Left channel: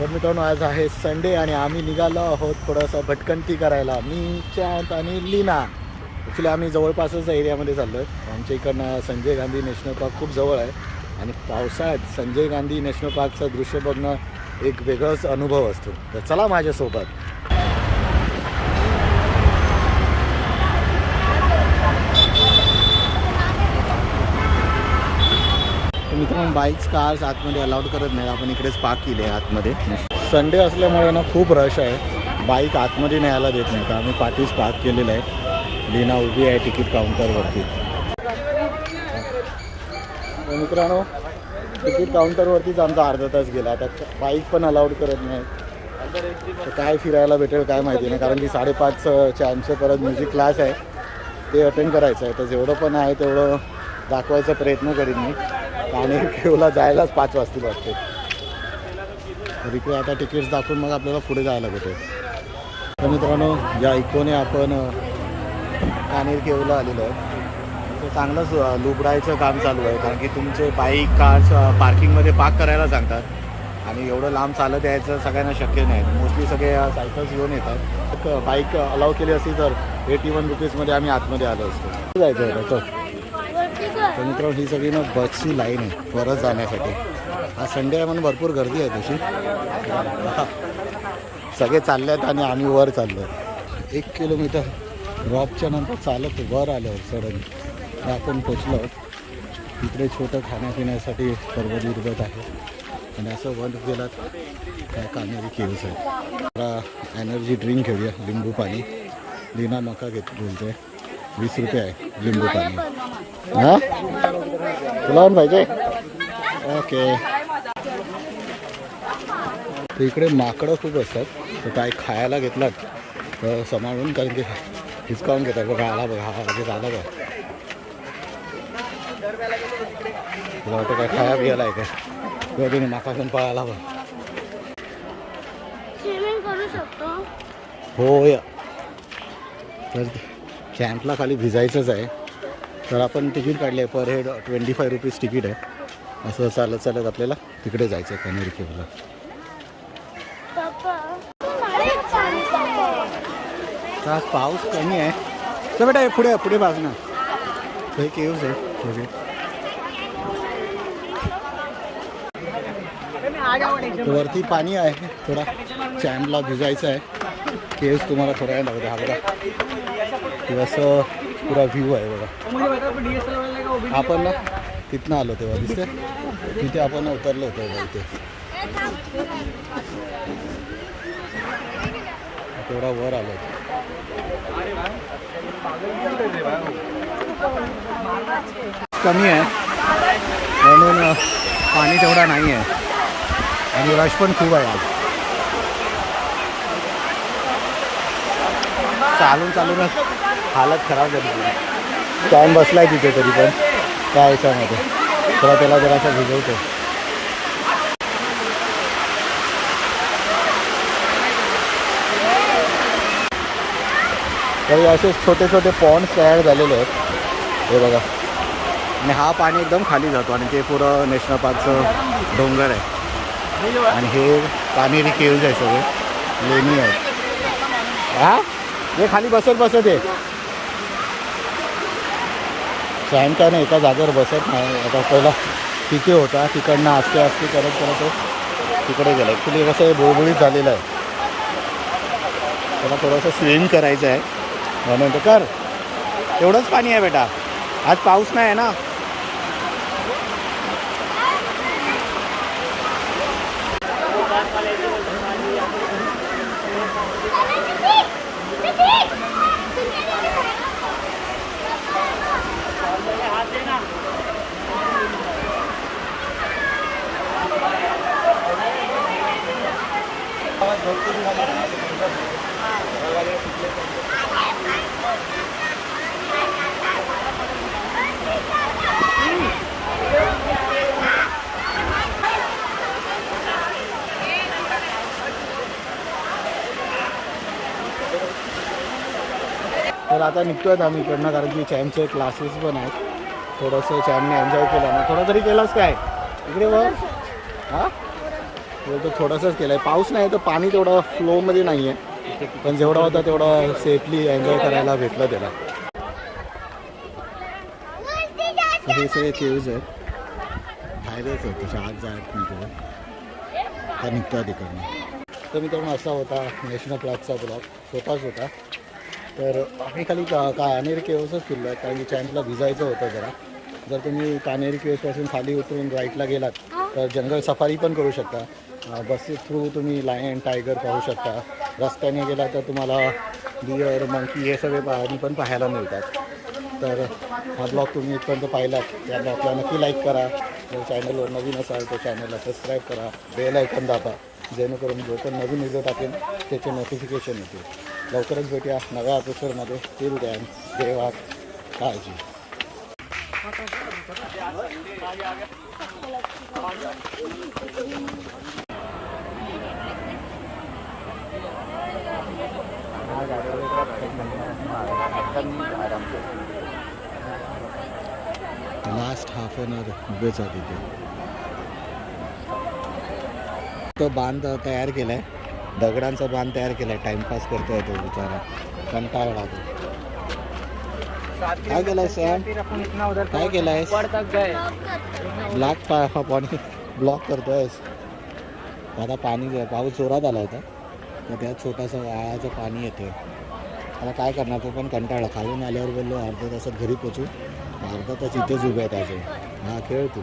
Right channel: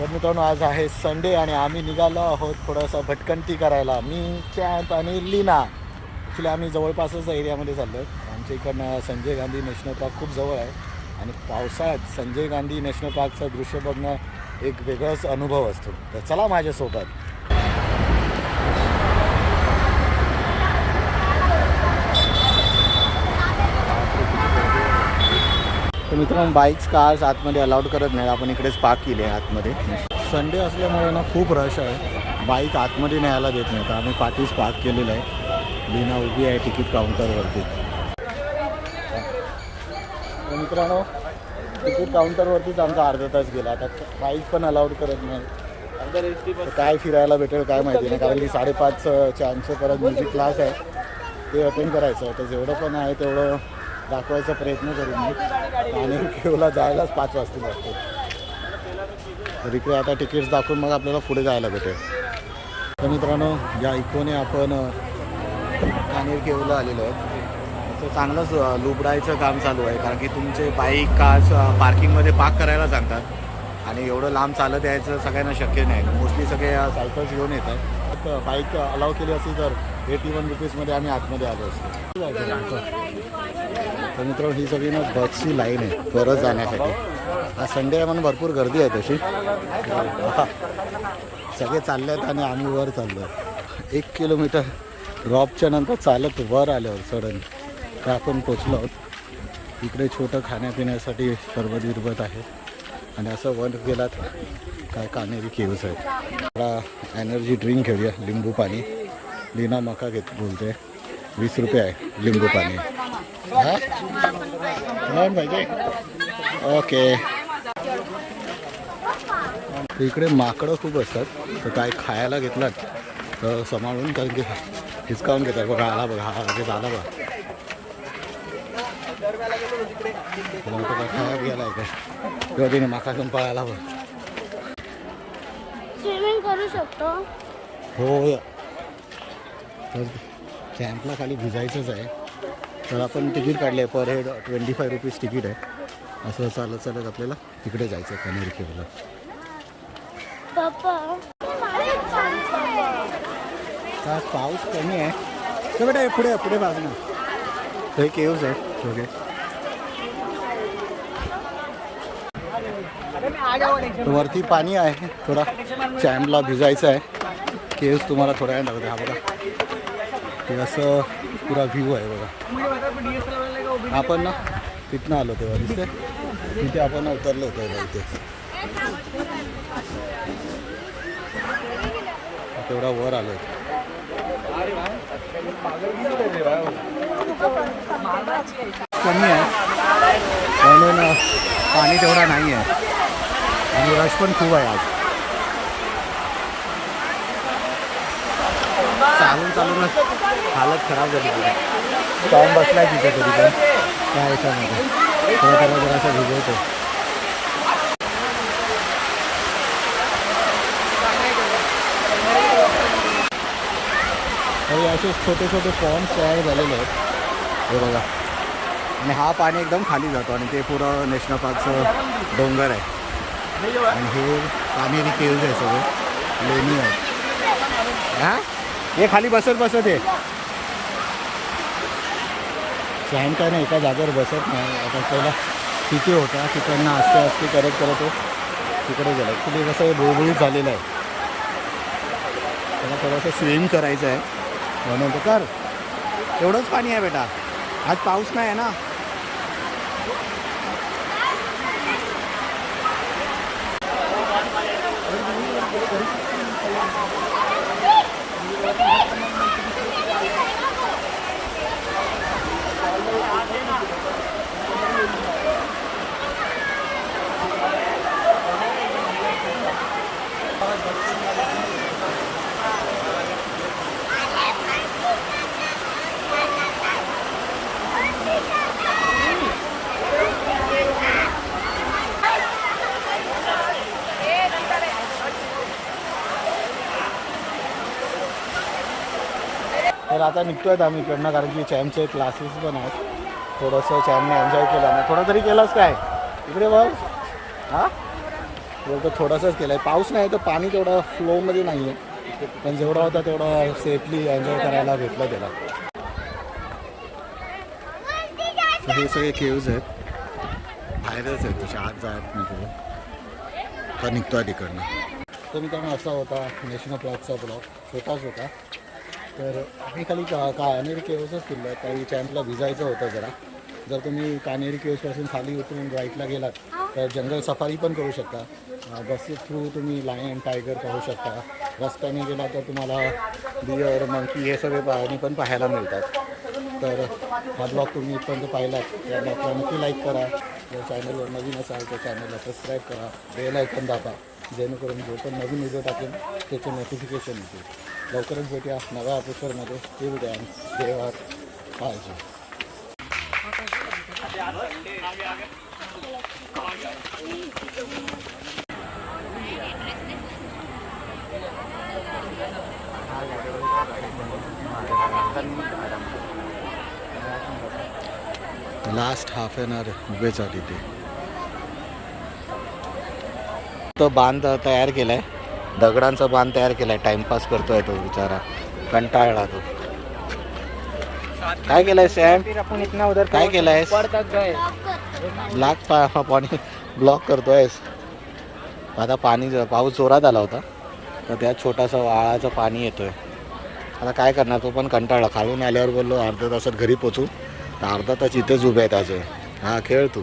तर मित्रांनो आज आहे संडे आणि आम्ही निघालो आहोत थोडंसं भटकंती करायला. मी चॅम्प आणि लीना. ॲक्च्युली आम्ही जवळपासच एरियामध्ये चाललो आहे आमच्या इकडनं संजय गांधी नॅशनल पार्क खूप जवळ आहे. आणि पावसाळ्यात संजय गांधी नॅशनल पार्कचं दृश्य बघणं एक वेगळाच अनुभव असतो. तर चला माझ्यासोबत. तर मित्रांनो बाईक्स कार्स आतमध्ये अलाउड करत नाही. आपण इकडेच पार्क केले आहे आतमध्ये. संडे असल्यामुळे ना खूप रश आहे. बाईक आतमध्ये न्यायला देत नाही. तर आम्ही पाठीच पार्क केलेलं आहे. लीना उभी आहे तिकीट काउंटरवरती तर मित्रांनो तिकीट काउंटरवरतीच आमचा अर्धा तास गेला. आता बाईक पण अलाउड करत नाही. तर काय फिरायला भेटेल काय माहिती नाही. कारण की साडेपाचचे आमचे परत म्युझिक क्लास आहे. ते अटेंड करायचं आहे. तर जेवढं पण आहे तेवढं दाखवायचा प्रयत्न करीन मी. आणि केवला जायलाच पाच वाजतील वाटते. तर इकडे आता तिकीट्स दाखवून मग आपल्याला पुढे जायला भेटेल. तर मित्रांनो या इकोने आपण अ, कानेर केवला आलेलो आहोत. असं चांगलंच लुबडायचं काम चालू आहे कारण की तुमचे बाईक कार्स पार्किंगमध्ये पार्क करायला सांगतात. आणि एवढं लांब चालत यायचं सगळ्यांना शक्य नाही. मोस्टली सगळे सायकल्स घेऊन येत आहेत. बाईक अलाव केली असती तर एटी वन रुपीजमध्ये आम्ही आतमध्ये आलो असतो. जायचं आहे तर मित्रांनो ही सगळी ना बसची लाईन आहे परत जाण्यासाठी. आज संडे आहे म्हणून भरपूर गर्दी आहे तशी. सगळे चालले आहेत आणि आम्ही वर चाललो आहे एक किलोमीटर ड्रॉपच्या नंतर चालत वर आल्यावर सडन काय आपण पोचलो आहोत. इकडे छोटं खाण्यापिण्यासाठी सर्व विरबत आहे. आणि असं वर गेलात काय कानेरी केव्स आहेत. जरा एनर्जी ड्रिंक घेऊया लिंबू पाणी. लीना मका घेत बोलते. वीस रुपये आहे लिंबू पाणी. हां? तुला पण पाहिजे? ओके. तर इकडे माकडं खूप असतात. तर काय खायला घेतलात तर सांभाळून कारण की डिस्काउंट घेतात. बघा आला बघा हा लगेच आला बघा. तुला वाटतं काय खाया गेला आहे काय? तेव्हा तिने माका घेऊन पळाला बघ. हो या. तर कॅम्पला खाली भिजायचंच आहे. तर आपण तिकीट काढले आहे per head twenty five rupees ticket आहे. असं चालत चालत आपल्याला तिकडे जायचं आहे कनेरी केवला तर आज पाऊस कमी आहे. तर बेटा पुढे पुढे बाज हे केव्स आहे सगळे. वरती पाणी आहे थोडा चॅम्पला भिजायचं आहे. केव्स तुम्हाला थोड्या वेळ दाखवते. हा बघा. हे असं पुरा व्ह्यू आहे बघा. आपण ना तिथनं आलो तेव्हा दिसते तिथे आपण उतरलो होतो बघा इथे. तेवढा वर आलो कमी आहे. म्हणून पाणी तेवढा नाही आहे आणि रश पण खूप आहे आज. चालून चालूनच हालत खराब झाली पुरी टाईम आहे तिथे तरी पण. त्या ह्याच्यामध्ये तेव्हा त्याला जरासा भिजवतो. तर असे छोटे छोटे पॉन्ड्स तयार झालेले आहेत. हे बघा. आणि हा पाणी एकदम खाली जातो आणि ते पुरं नॅशनल पार्कचं डोंगर आहे. आणि हे कामेरी केव्ज आहे सगळे. लेणी आहेत. हा? हे खाली बसत बसत आहे फॅन काय नाही एका जागेवर बसत नाही. आता पहिला तिथे होता तिकडनं आस्ते आस्ते करत करत तो तिकडे गेला. ॲक्च्युली कसं हे बुळबुळीत झालेलं आहे. त्याला थोडंसं स्विम करायचं आहे. म्हणून तर कर. एवढंच पाणी आहे बेटा. आज पाऊस नाही आहे ना. तर आता निघतो आहेत आम्ही इकडनं कारण की चॅमचे क्लासेस पण आहेत. थोडंसं चॅमने एन्जॉय केला ना. थोडं तरी केलंच काय? इकडे बघ. हां? बोलतो थोडंसंच केलं आहे पाऊस नाही तर पाणी तेवढं फ्लोमध्ये नाही आहे पण जेवढा होता तेवढं सेफली एन्जॉय करायला भेटलं त्याला. हे सगळे केव्ज आहेत. बाहेरच आहेत तसे आत जायत नाही तिथं का आहे तिकडनं. तर मित्रांनो असा होता नॅशनल पार्कचा ब्लॉग छोटाच होता तर आम्ही खाली का कानेरी केव्सच फिरलो आहे. कारण की चॅम्पला भिजायचं होतं जरा. जर तुम्ही कानेरी केव्सपासून खाली उतरून राईटला गेलात तर जंगल सफारी पण करू शकता. अं, बसेस थ्रू तुम्ही लायन टायगर पाहू शकता. रस्त्याने गेला तर तुम्हाला डिअर मंकी हे सगळे प्राणी पण पाहायला मिळतात. तर हा ब्लॉग तुम्ही इथपर्यंत पाहिलात. त्या ब्लॉगला नक्की लाईक करा. जर चॅनलवर नवीन असाल तर चॅनलला सबस्क्राईब करा. बेल आयकन दाबा. जेणेकरून जो पण नवीन व्हिडिओ टाकेन त्याचे नोटिफिकेशन येतील. लवकरच भेटूया नव्या एपिसोडमध्ये टिल डॅम देवा काळजी. लास्ट हाफ एन आवर उभेच तिथे तो बांध तयार केलाय. दगडांचा बांध तयार केलाय टाइमपास करतोय तो बिचारा. कंटाळला तो. काय केलंय सॅम काय केलंय ब्लॉक पाणी ब्लॉक करतोय आता पाणी पाऊस जोरात आला होता. तर त्यात छोटासा वाळाचं पाणी येतोय. आता काय करणार तो पण कंटाळा खालून आल्यावर बोललो अर्ध्या तासात घरी पोचू. तर अर्धा तास इथेच उभे आहेत अजून. हा खेळ तू.